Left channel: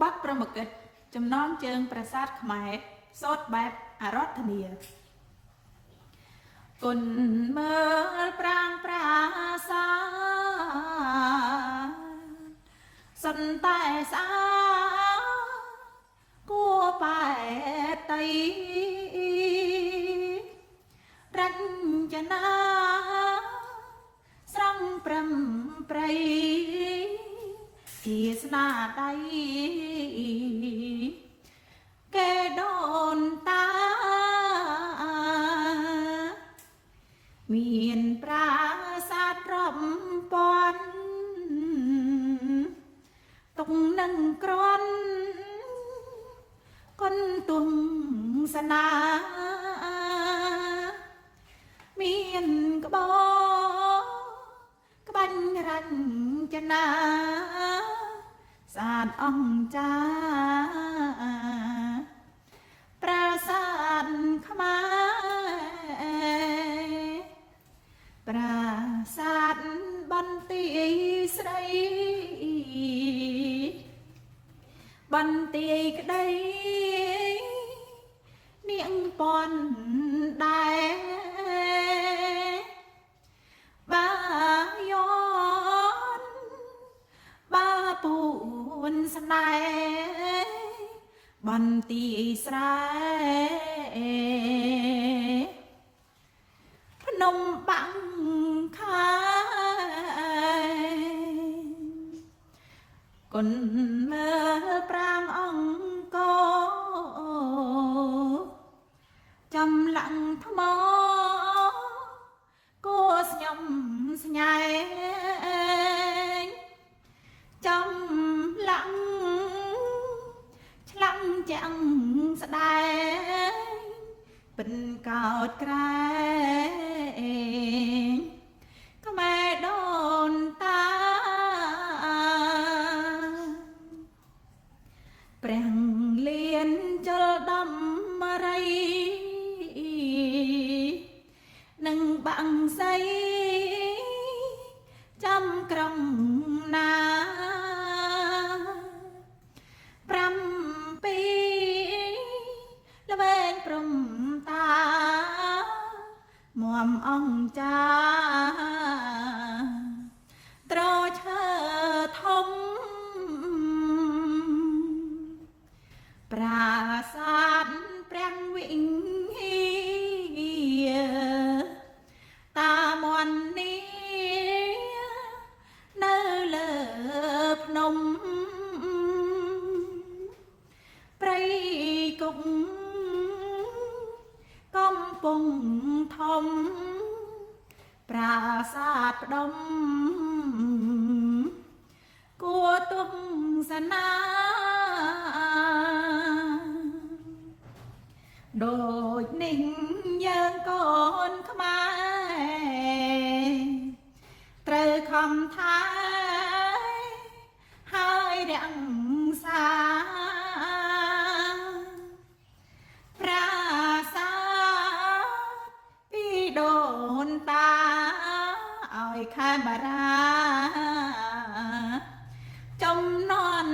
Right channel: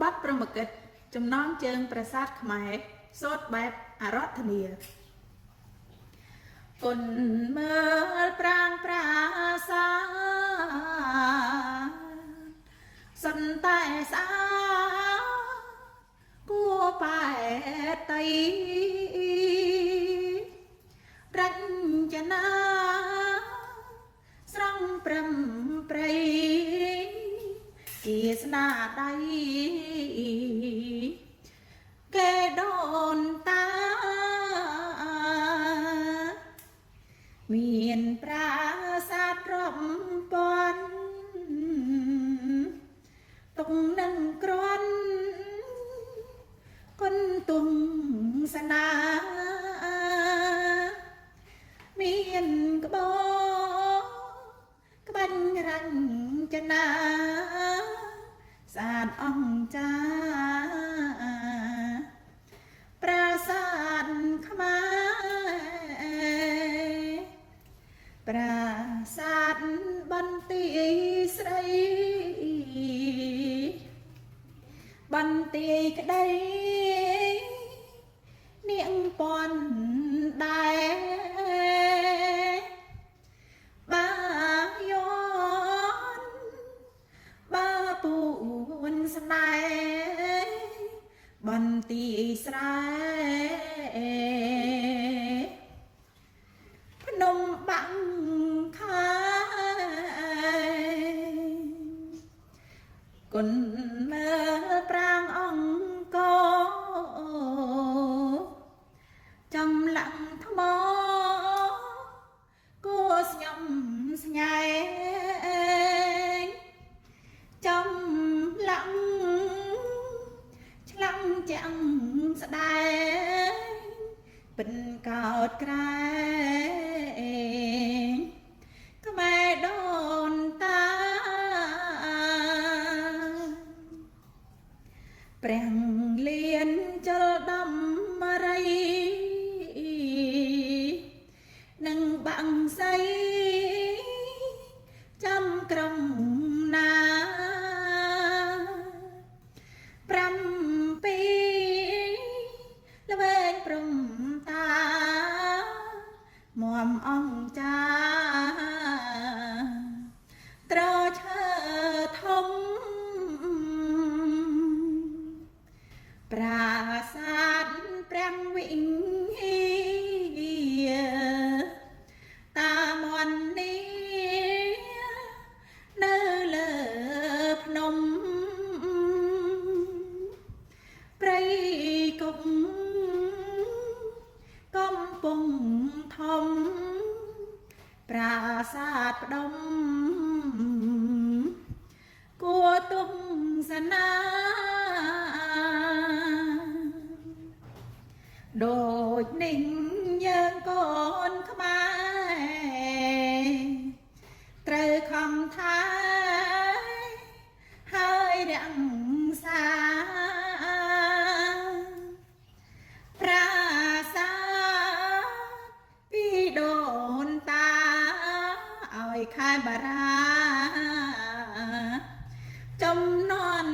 បាត់ប្រមកិតចំណងជើងប្រាសាទខ្មែរសូត្របែបអារដ្ឋានីគុណមើលប្រាងប្រាសាសិនតែស្អាគួបែតៃរញ្ចនាស្រង់ព្រំព្រៃជាស្នាដៃគេដូនតាមានប្រាសាទរាប់ពាន់ទុកនឹងក្រន់គុនទុំសនាមានក្បោក្បាញ់រញ្ចនាស្អាតអង្ចាប្រាសាទខ្មែរប្រាសាទបន្ទាយស្រីបន្ទាយក្តីនាងពន់ដែរបាយ័នបាពួនស្នេហ៍បន្ទាយស្រែភ្នំបាំងខាគុណមើលប្រាងអង្គចំឡាំងថ្មគួស្ញំស្ញែងចំឡាំងឆ្លាំងចាំងស្ដែងពិនកោតក្រែងខ្មែរដូនតាព្រះលៀនចលដំរីនឹងបាំងសីចាំក្រុងណា7ល្វែងព្រំតាមមអង្គចាត្រឈើធំប្រាសាទព្រះវិហារតាមន់នេះនៅលើភ្នំព្រៃគុកកំពុងធំប្រាសាទផ្ដុំគួទុំសនាដូចនេះយើងកូនខ្មែរត្រូវខំថាហើយរាំងសាប្រាសាទពីដូនតាឲ្យខែបារាចំនួន